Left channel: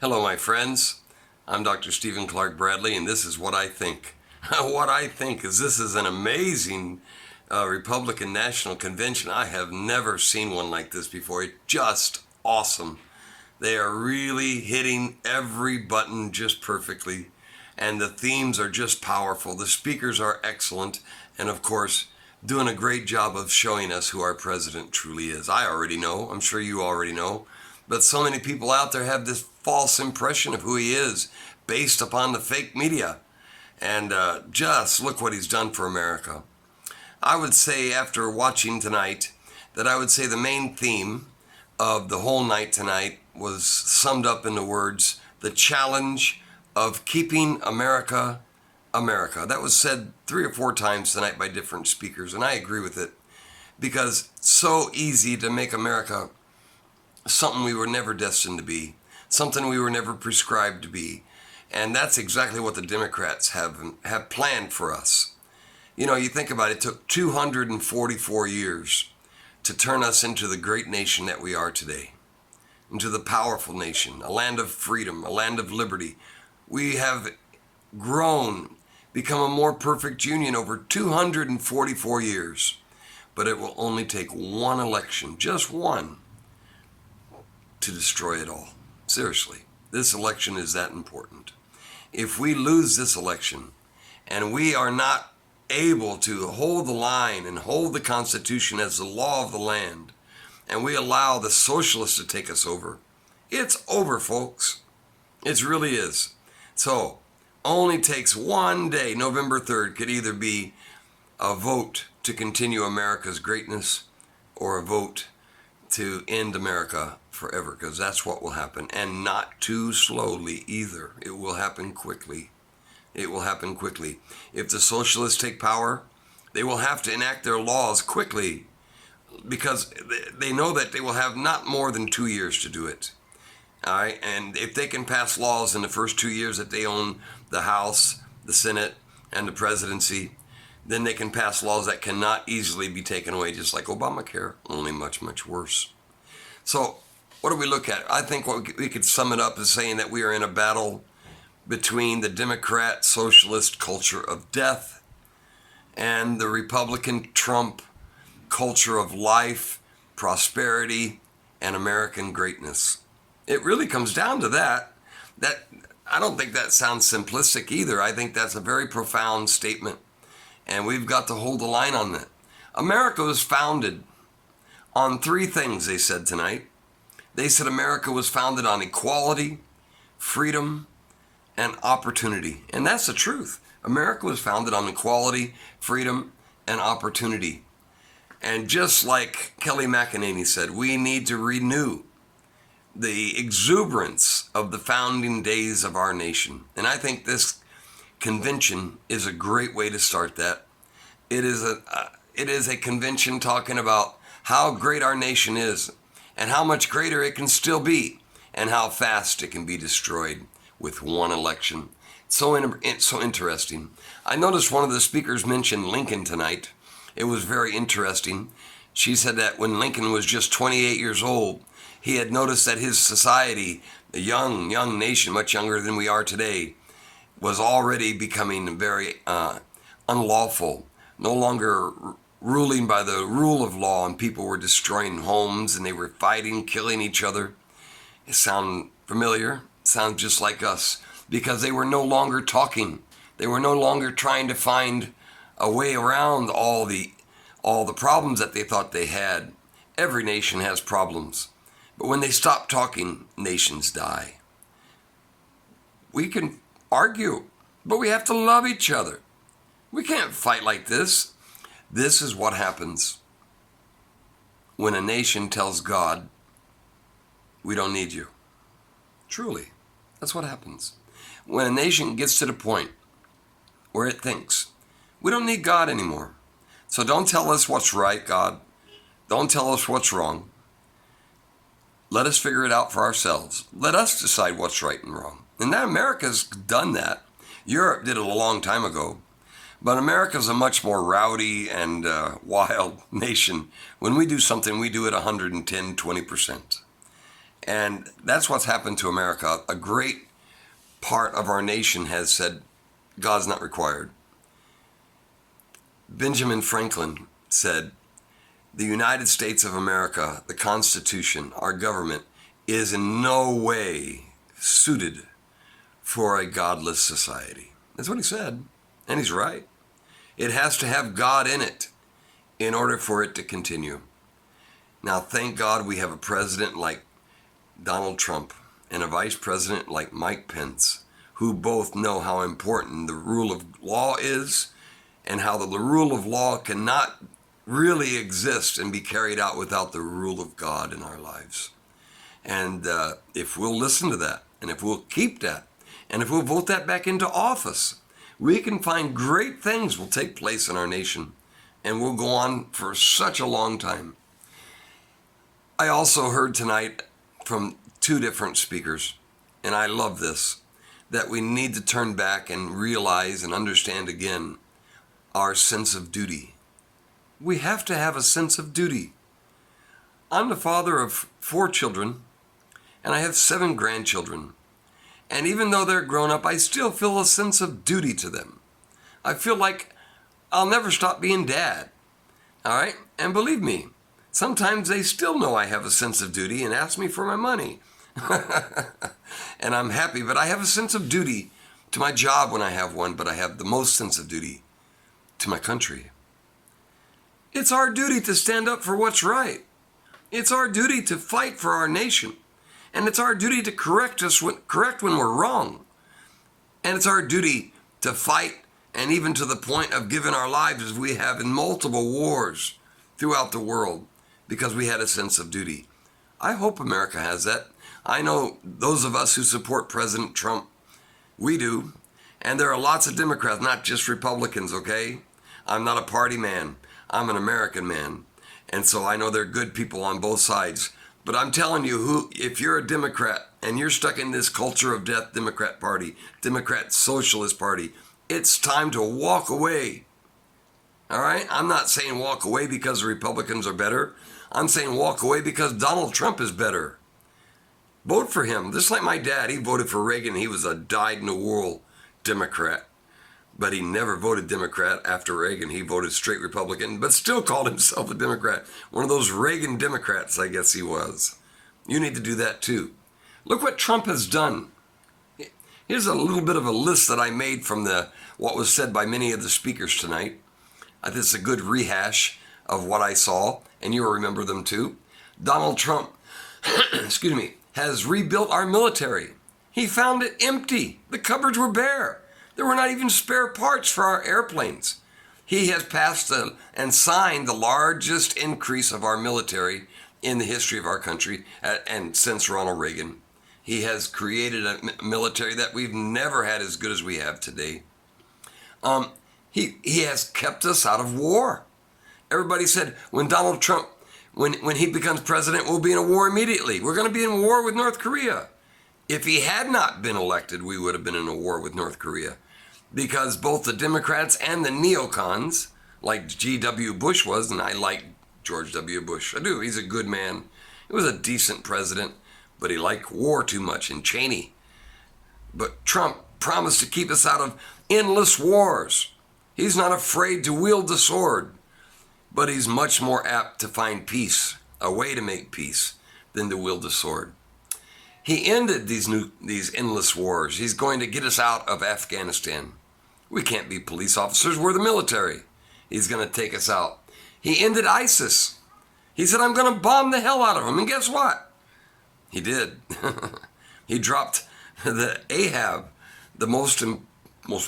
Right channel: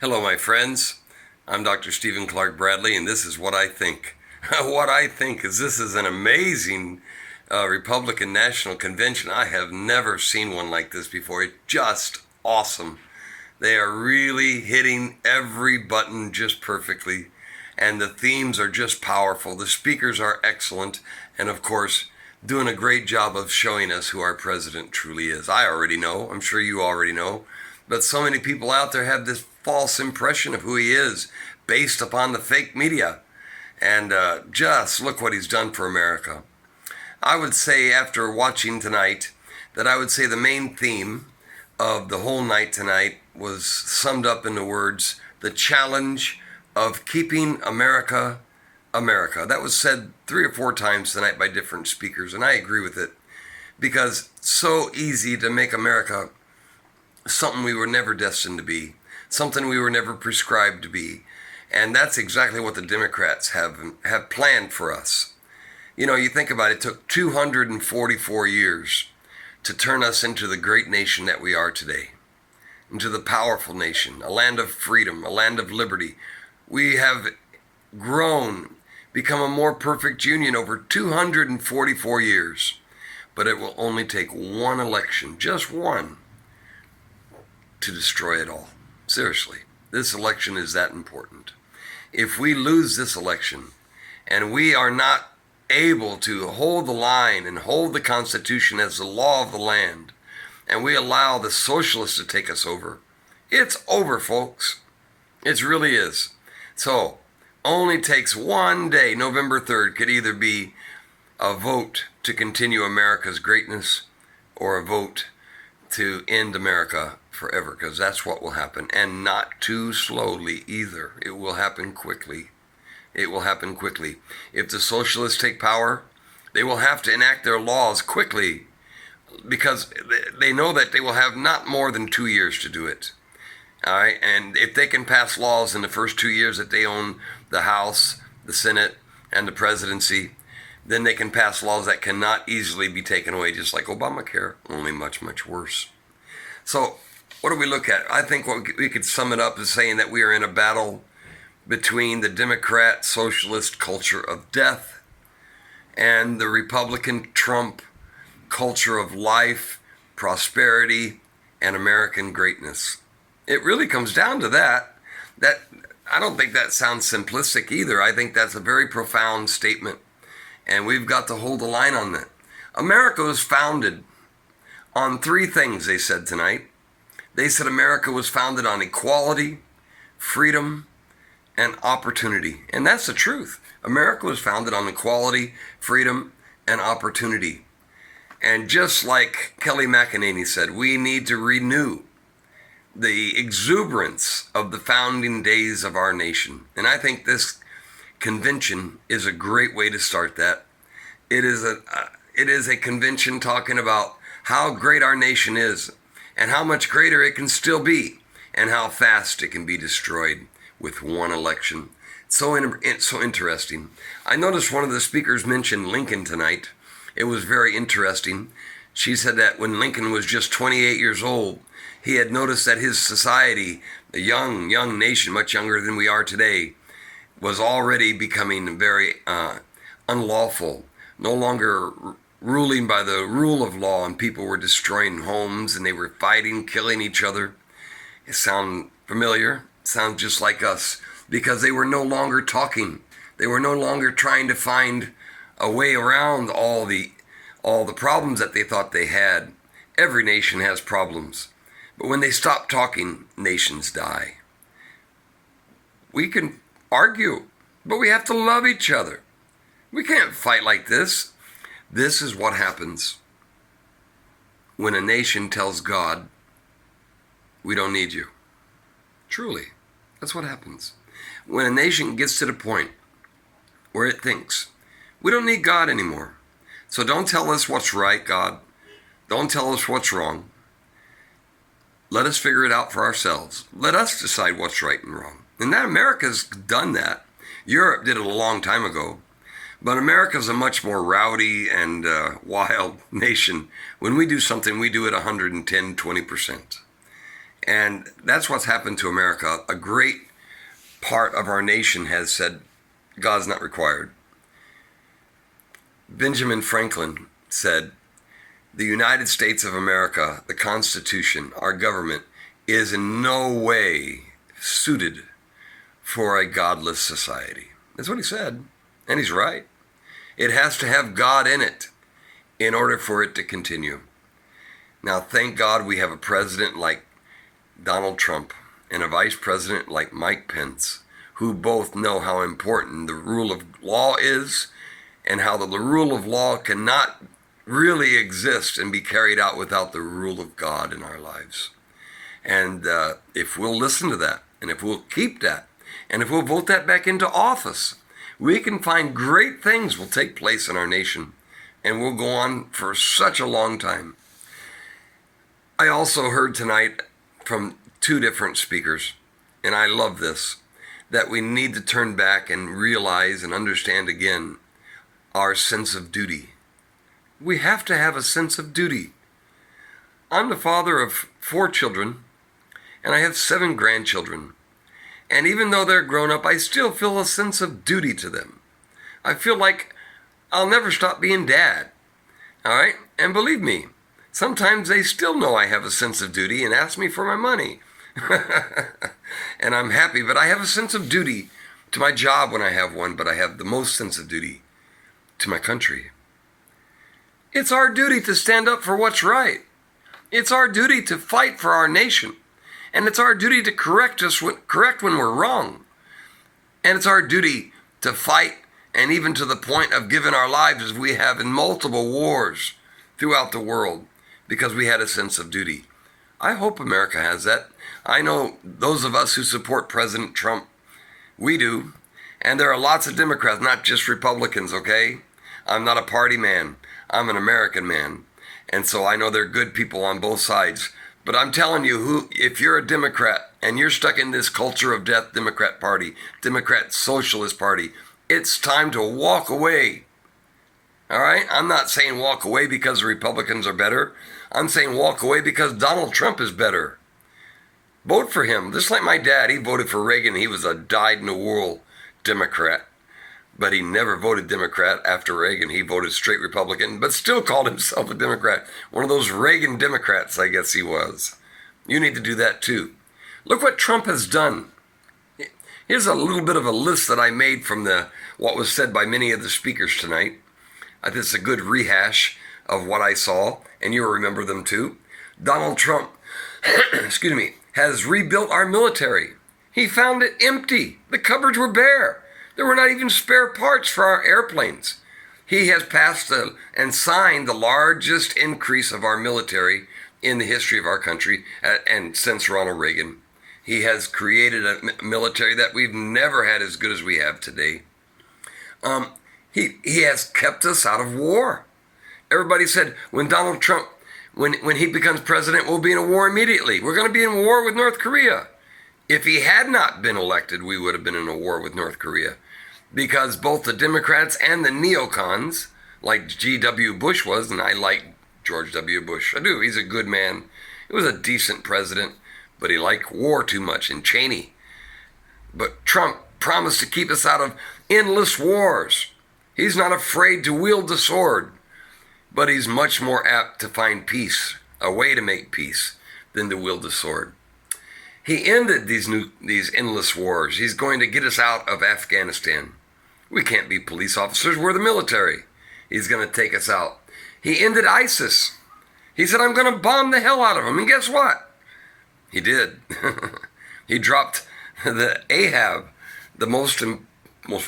Hello, my friends. I'm Dr. Stephen Clark Bradley, and this is what I think. What I think is this is an amazing Republican National Convention. I have never seen one like this before. It's just awesome. They are really hitting every button just perfectly, and the themes are just powerful. The speakers are excellent, and of course, doing a great job of showing us who our president truly is. I already know. I'm sure you already know. But so many people out there have this false impression of who he is based upon the fake media. And just look what he's done for America. I would say after watching tonight that I would say the main theme of the whole night tonight was summed up in the words, the challenge of keeping America, America. That was said 3 or 4 times tonight by different speakers, and I agree with it. Because it's so easy to make America something we were never destined to be, something we were never prescribed to be. And that's exactly what the Democrats have planned for us. You know, you think about it, it took 244 years to turn us into the great nation that we are today, into the powerful nation, a land of freedom, a land of liberty. We have grown, become a more perfect union over 244 years. But it will only take one election, just one, to destroy it all. Seriously, this election is that important. If we lose this election and we are not able to hold the line and hold the Constitution as the law of the land, and we allow the socialists to take us over, it's over, folks. It really is. So, only takes one day, November 3rd, could either be a vote to continue America's greatness or a vote to end America forever, because that's what will happen, and not too slowly either. It will happen quickly. It will happen quickly. If the socialists take power, they will have to enact their laws quickly, because they know that they will have not more than 2 years to do it. All right, and if they can pass laws in the first 2 years that they own the House, the Senate, and the presidency, then they can pass laws that cannot easily be taken away, just like Obamacare, only much, much worse. So what do we look at? I think what we could sum it up as saying that we are in a battle between the Democrat-Socialist culture of death and the Republican Trump culture of life, prosperity, and American greatness. It really comes down to that. I don't think that sounds simplistic either. I think that's a very profound statement, and we've got to hold the line on that. America was founded on 3 things, they said tonight. They said America was founded on equality, freedom, and opportunity. And that's the truth. America was founded on equality, freedom, and opportunity. And just like Kelly McEnany said, we need to renew the exuberance of the founding days of our nation. And I think this convention is a great way to start that. It is a convention talking about how great our nation is and how much greater it can still be and how fast it can be destroyed with one election. So interesting. I noticed one of the speakers mentioned Lincoln tonight. It was very interesting. She said that when Lincoln was just 28 years old, he had noticed that his society, a young nation, much younger than we are today, was already becoming very unlawful, no longer ruling by the rule of law, and people were destroying homes and they were fighting, killing each other. It sounds familiar? It sounds just like us, because they were no longer talking. They were no longer trying to find a way around all the problems that they thought they had. Every nation has problems, but when they stop talking, nations die. We can argue, but we have to love each other. We can't fight like this. This is what happens when a nation tells God, we don't need you. Truly, that's what happens. When a nation gets to the point where it thinks, we don't need God anymore. So don't tell us what's right, God. Don't tell us what's wrong. Let us figure it out for ourselves. Let us decide what's right and wrong. And that America's done that. Europe did it a long time ago. But America's a much more rowdy and wild nation. When we do something, we do it 110, 20%. And that's what's happened to America. A great part of our nation has said, God's not required. Benjamin Franklin said, the United States of America, the Constitution, our government, is in no way suited for a godless society. That's what he said, and he's right. It has to have God in it in order for it to continue. Now, thank God we have a president like Donald Trump and a vice president like Mike Pence, who both know how important the rule of law is and how the rule of law cannot really exist and be carried out without the rule of God in our lives. And if we'll listen to that, and if we'll keep that, and if we'll vote that back into office, we can find great things will take place in our nation, and we'll go on for such a long time. I also heard tonight from two different speakers, and I love this, that we need to turn back and realize and understand again our sense of duty. We have to have a sense of duty. I'm the father of 4 children, and I have 7 grandchildren. And even though they're grown up, I still feel a sense of duty to them. I feel like I'll never stop being dad. All right? And believe me, sometimes they still know I have a sense of duty and ask me for my money. And I'm happy, but I have a sense of duty to my job when I have one, but I have the most sense of duty to my country. It's our duty to stand up for what's right. It's our duty to fight for our nation. And it's our duty to correct when we're wrong. And it's our duty to fight, and even to the point of giving our lives as we have in multiple wars throughout the world, because we had a sense of duty. I hope America has that. I know those of us who support President Trump, we do. And there are lots of Democrats, not just Republicans, okay? I'm not a party man. I'm an American man. And so I know there are good people on both sides. But I'm telling you, if you're a Democrat and you're stuck in this culture of death Democrat Party, Democrat-Socialist Party, it's time to walk away. All right? I'm not saying walk away because the Republicans are better. I'm saying walk away because Donald Trump is better. Vote for him. Just like my dad, he voted for Reagan. He was a dyed-in-the-wool Democrat. But he never voted Democrat after Reagan. He voted straight Republican, but still called himself a Democrat. One of those Reagan Democrats, I guess he was. You need to do that too. Look what Trump has done. Here's a little bit of a list that I made from what was said by many of the speakers tonight. I think it's a good rehash of what I saw, and you'll remember them too. Donald Trump, excuse me, has rebuilt our military. He found it empty. The cupboards were bare. There were not even spare parts for our airplanes. He has passed and signed the largest increase of our military in the history of our country, and since Ronald Reagan. He has created a military that we've never had as good as we have today. He has kept us out of war. Everybody said when Donald Trump, when he becomes president, we'll be in a war immediately. We're going to be in war with North Korea. If he had not been elected, we would have been in a war with North Korea, because both the Democrats and the neocons, like G.W. Bush was, and I like George W. Bush. I do. He's a good man. He was a decent president, but he liked war too much, and Cheney. But Trump promised to keep us out of endless wars. He's not afraid to wield the sword, but he's much more apt to find peace, a way to make peace, than to wield the sword. He ended these endless wars. He's going to get us out of Afghanistan. We can't be police officers. We're the military. He's going to take us out. He ended ISIS. He said, I'm going to bomb the hell out of them. And guess what? He did. He dropped the Ahab, the most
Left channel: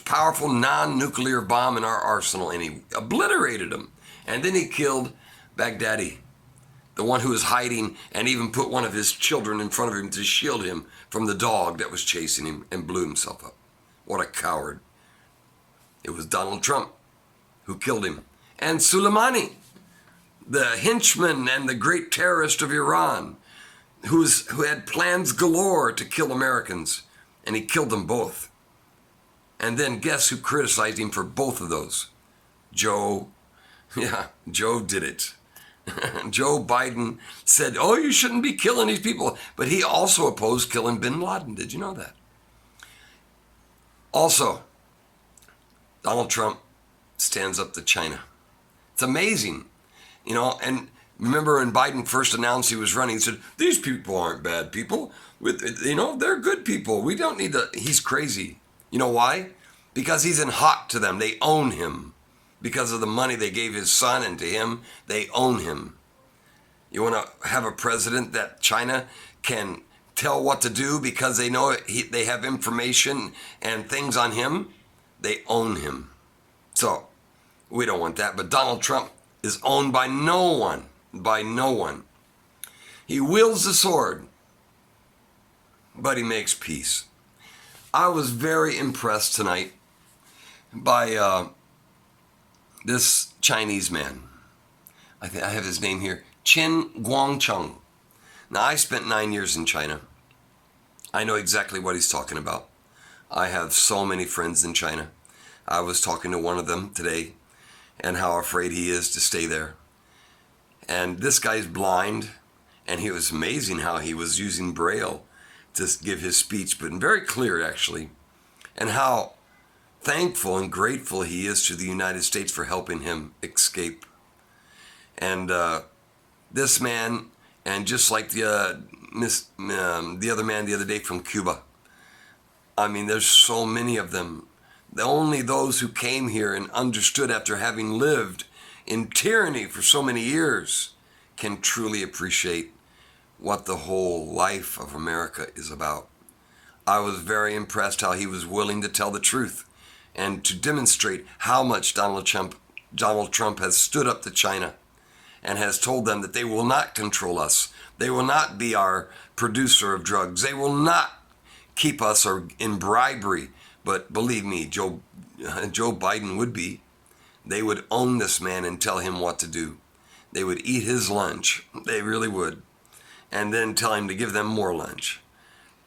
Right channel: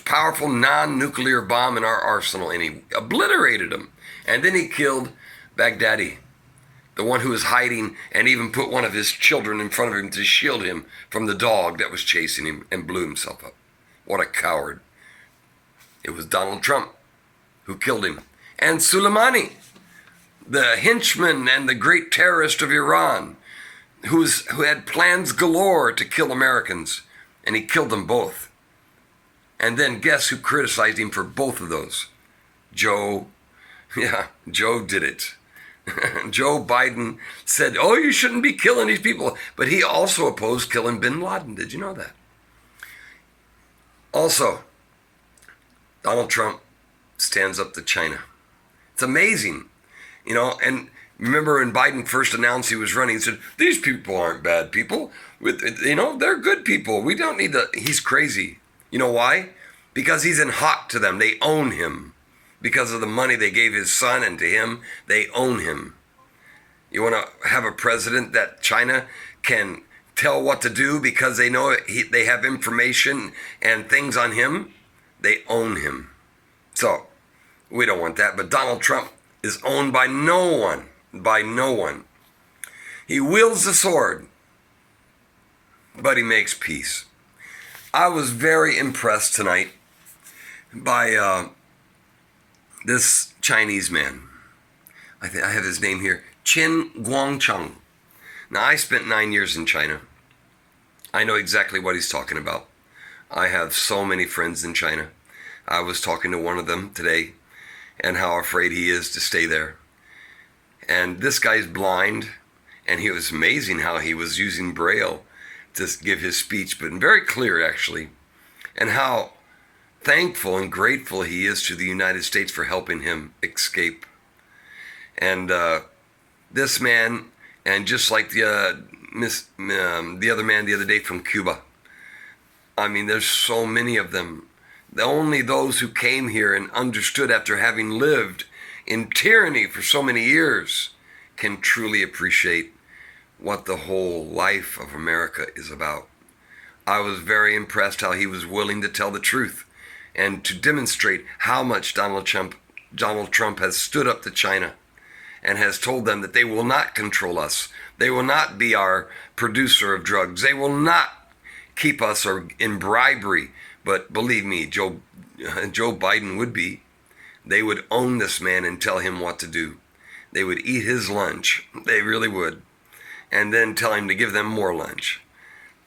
powerful non-nuclear bomb in our arsenal, and he obliterated him. And then he killed Baghdadi, the one who was hiding, and even put one of his children in front of him to shield him from the dog that was chasing him, and blew himself up. What a coward. It was Donald Trump who killed him. And Soleimani, the henchman and the great terrorist of Iran, who had plans galore to kill Americans, and he killed them both. And then guess who criticized him for both of those? Joe. Yeah, Joe did it. Joe Biden said, oh, you shouldn't be killing these people. But he also opposed killing bin Laden. Did you know that? Also, Donald Trump stands up to China. It's amazing, and remember when Biden first announced he was running, he said, these people aren't bad people. They're good people. We don't need to. He's crazy. You know why? Because he's in hock to them. They own him. Because of the money they gave his son and to him, they own him. You want to have a president that China can tell what to do because they know they have information and things on him? They own him. So, we don't want that. But Donald Trump is owned by no one. By no one. He wields the sword, but he makes peace. I was very impressed tonight by this Chinese man. I have his name here, Qin Guangcheng. Now, I spent 9 years in China. I know exactly what he's talking about. I have so many friends in China. I was talking to one of them today and how afraid he is to stay there. And this guy's blind, and he was amazing how he was using Braille to give his speech, but very clear, actually, and how thankful and grateful he is to the United States for helping him escape. And this man, and just like the other man the other day from Cuba, I mean, there's so many of them. Only those who came here and understood after having lived in tyranny for so many years can truly appreciate what the whole life of America is about. I was very impressed how he was willing to tell the truth and to demonstrate how much Donald Trump has stood up to China and has told them that they will not control us. They will not be our producer of drugs. They will not keep us in bribery. But believe me, Joe Biden would be. They would own this man and tell him what to do. They would eat his lunch. They really would. And then tell him to give them more lunch.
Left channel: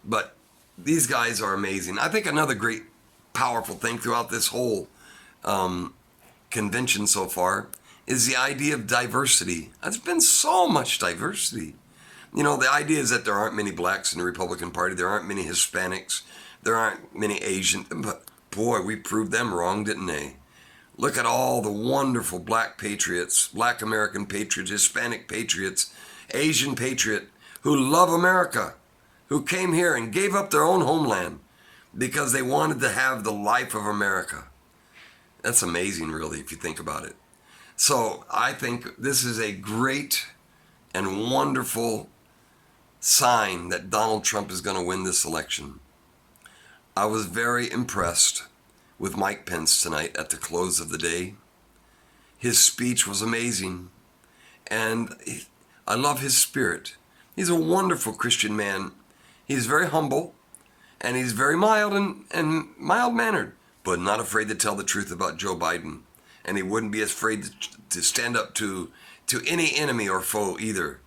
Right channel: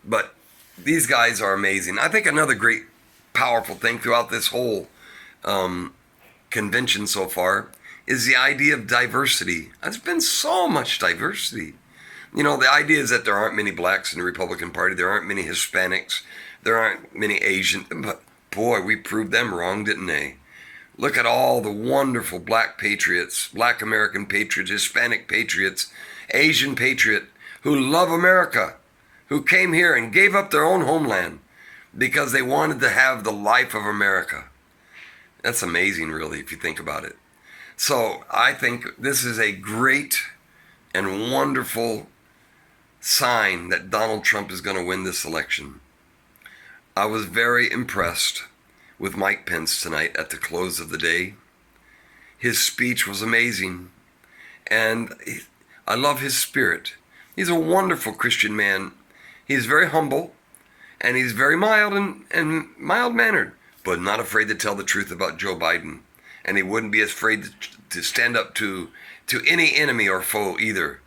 But these guys are amazing. I think another great, powerful thing throughout this whole convention so far is the idea of diversity. There's been so much diversity. The idea is that there aren't many blacks in the Republican Party. There aren't many Hispanics. There aren't many Asian. But boy, we proved them wrong, didn't they? Look at all the wonderful black patriots, black American patriots, Hispanic patriots, Asian patriot who love America, who came here and gave up their own homeland because they wanted to have the life of America. That's amazing, really, if you think about it. So I think this is a great and wonderful sign that Donald Trump is going to win this election. I was very impressed with Mike Pence tonight at the close of the day. His speech was amazing, and I love his spirit. He's a wonderful Christian man. He's very humble, and he's very mild and mild-mannered, but not afraid to tell the truth about Joe Biden. And he wouldn't be afraid to stand up to any enemy or foe either,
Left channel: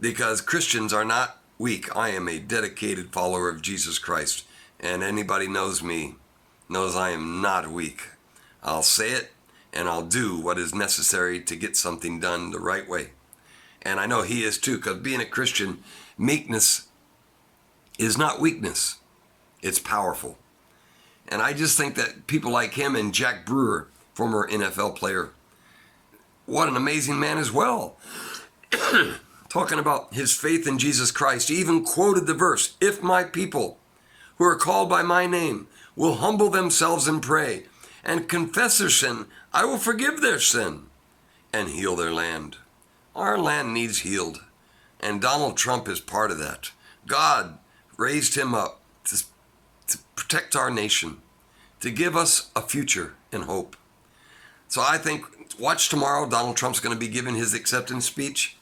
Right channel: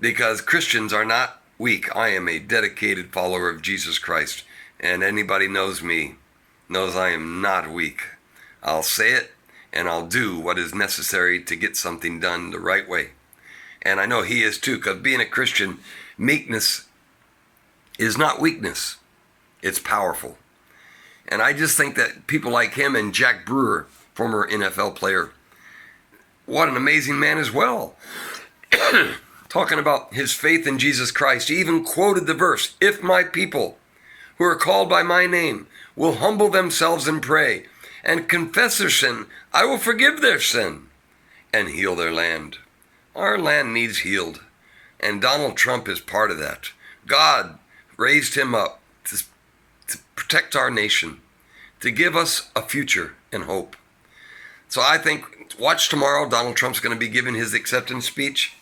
because Christians are not weak. I am a dedicated follower of Jesus Christ, and anybody knows me knows I am not weak. I'll say it, and I'll do what is necessary to get something done the right way. And I know he is too, because being a Christian, meekness is not weakness. It's powerful. And I just think that people like him and Jack Brewer, former NFL player, what an amazing man as well. Talking about his faith in Jesus Christ. He even quoted the verse, "If my people who are called by my name will humble themselves and pray and confess their sin, I will forgive their sin and heal their land." Our land needs healed, and Donald Trump is part of that. God raised him up to protect our nation, to give us a future and hope. So I think, watch tomorrow, Donald Trump's going to be giving his acceptance speech.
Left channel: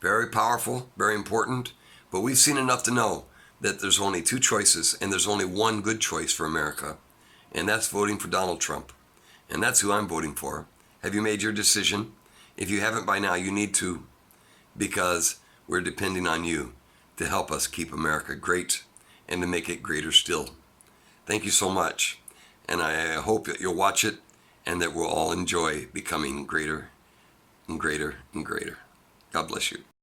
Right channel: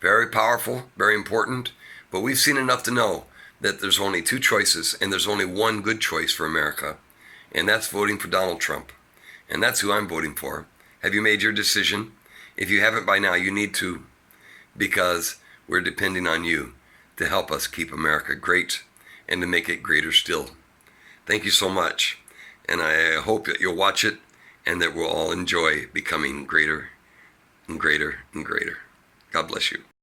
Very powerful, very important, but we've seen enough to know that there's only two choices, and there's only one good choice for America, and that's voting for Donald Trump. And that's who I'm voting for. Have you made your decision? If you haven't by now, you need to, because we're depending on you to help us keep America great and to make it greater still. Thank you so much, and I hope that you'll watch it and that we'll all enjoy becoming greater and greater and greater. God bless you.